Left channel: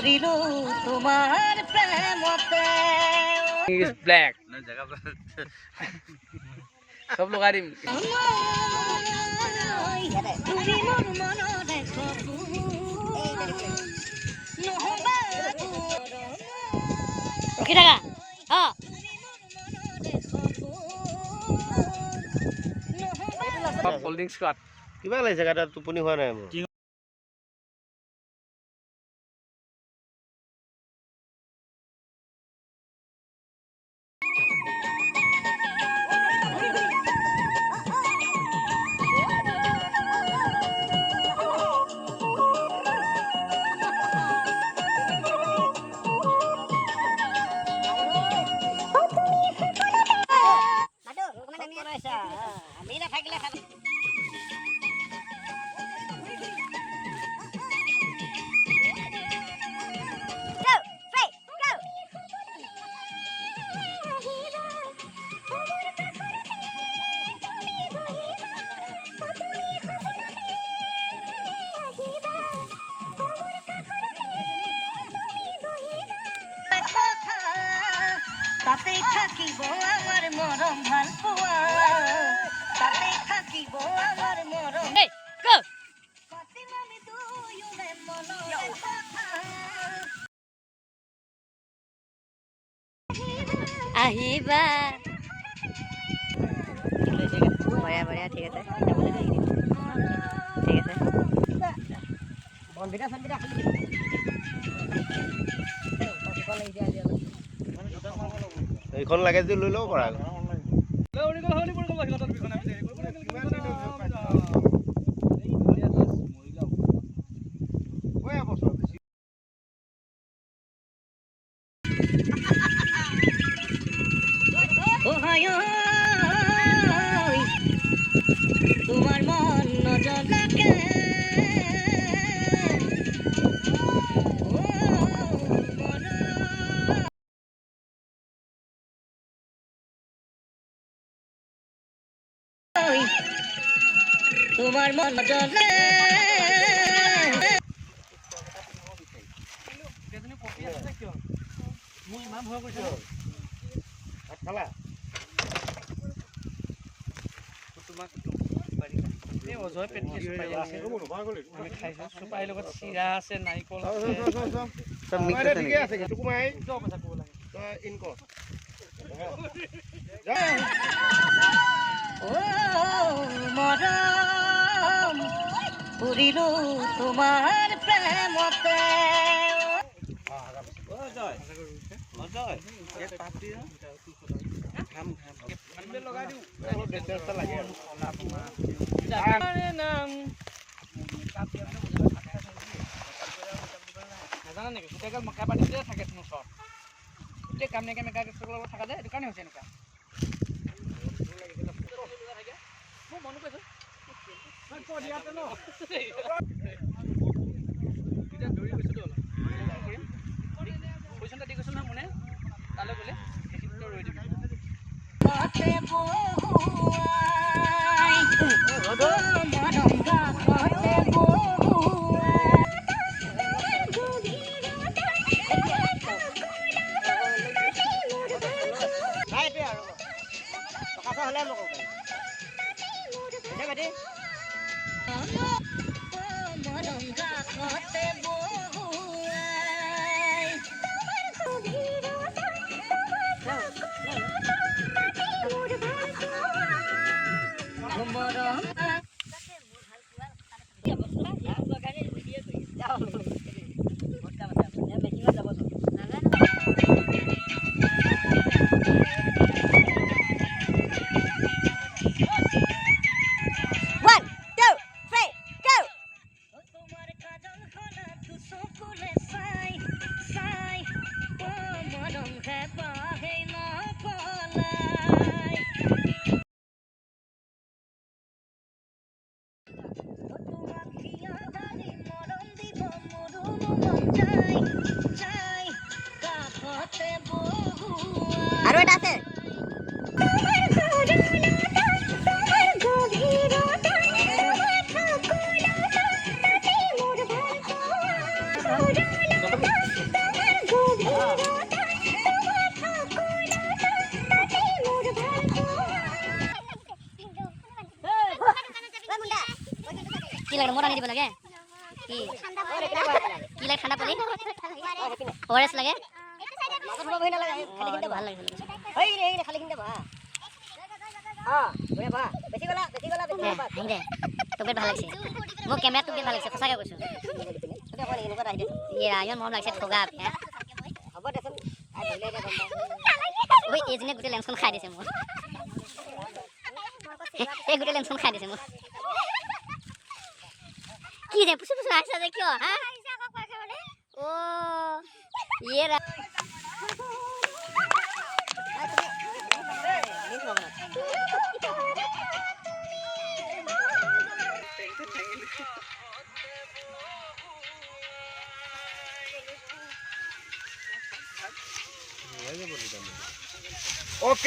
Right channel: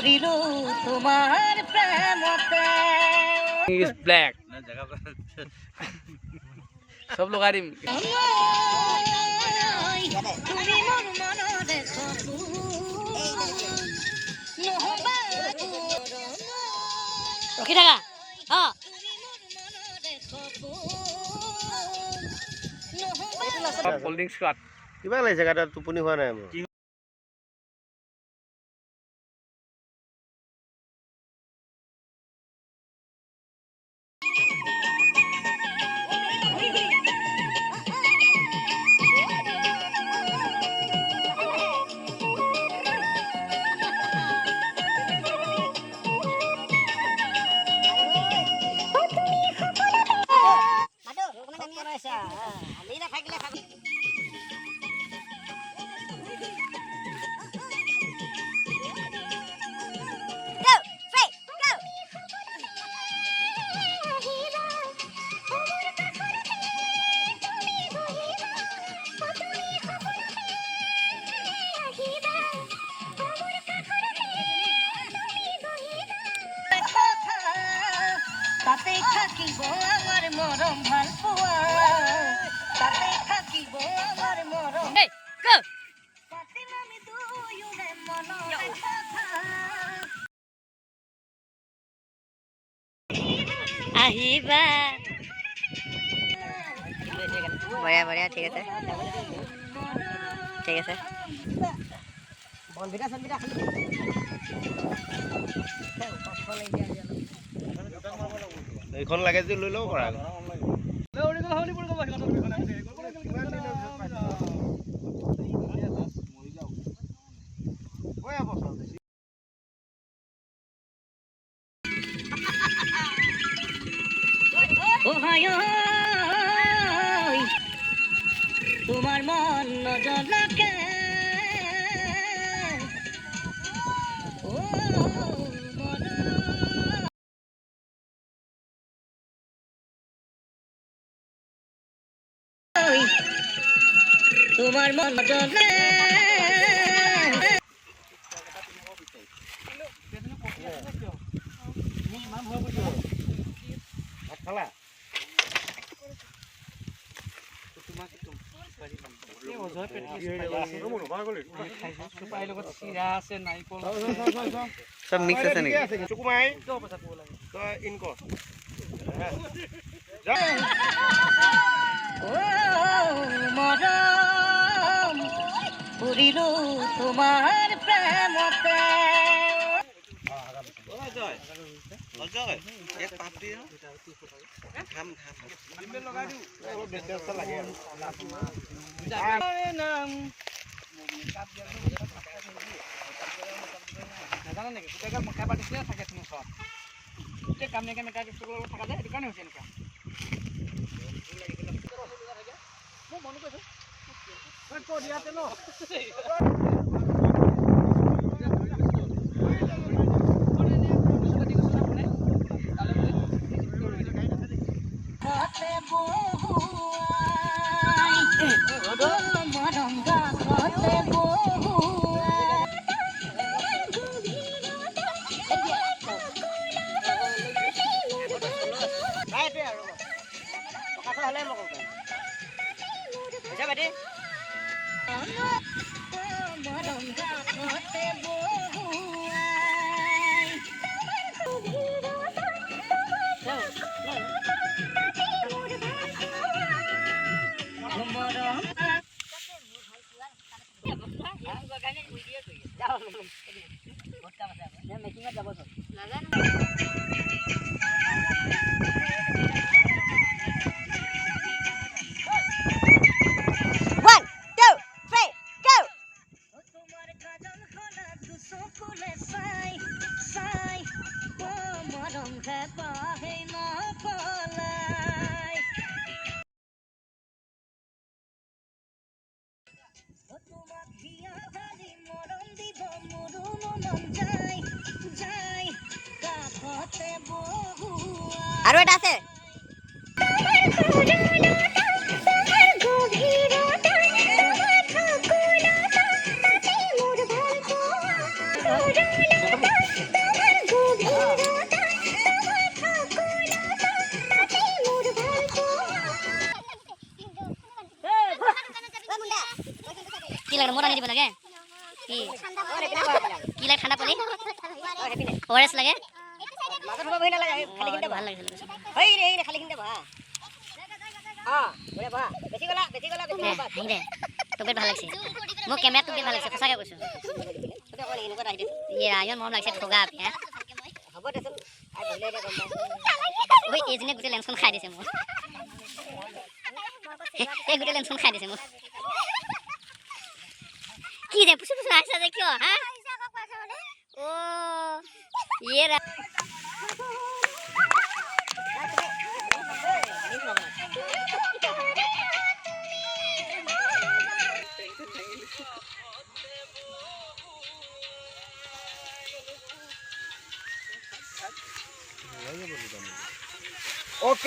পুরিলো তোমার প্রেমতে is black सब लोग आ रही रखी থাকা हाँ सब कोल्ड ड्रिंक्स का কিবা লাগিছে গাটা টোপনি হোৱা নাই মোৰ তাতে থাকিব আমার মরম ভাল পোয়া তাতে থাকিব আমার মরম তাতে আমি দুয়োরে মনরে কথা আহিবা বঢ়িয়া বঢ়িয়া ঠিক আছে ঠিক আছে বনবিটা সনবিটা এইখন লাগে যদি লৈ লও কৰা তোমাৰ মন নজলাকে তোমাৰ মন নজলে सब मिक्स আছে নেকি চুকুমাই তই ইন কৰ ও মৰম পুৰিলো তোমাৰ প্ৰেমতে আৰু এটা আছে কি লাগে মোটা নিদিব লাগে কি কি লাগে ঠাণ্ডা পানী ORS লাগে মাজত হ'ব বহি নালাগে খালি কিনতে ভাল লাগিছে এই ৰে খালি কিনতে বহা বঢ়িয়া বহা বেছি গলা হাঁহি দে তোক ভাল লাগিছে মোৰ কেমেৰাত তোক ভাল লাগিছে সঁচাকৈ কৈছোঁ ইয়ে ইমান মৰম লাগিছে ঠগা পিয়া হ'ব দেচোন ধৰিলে এতিয়া গম পাই ঐ এইজনীয়ে গোটেই লেন্সখন খাই দিছে মোৰ এই গোটেই লেন্সখন খাই দিছে মোৰ কি ৰে পুচু পুচু আহিছা যে কিয় হা অ' ইয়ে ৰা অ'কে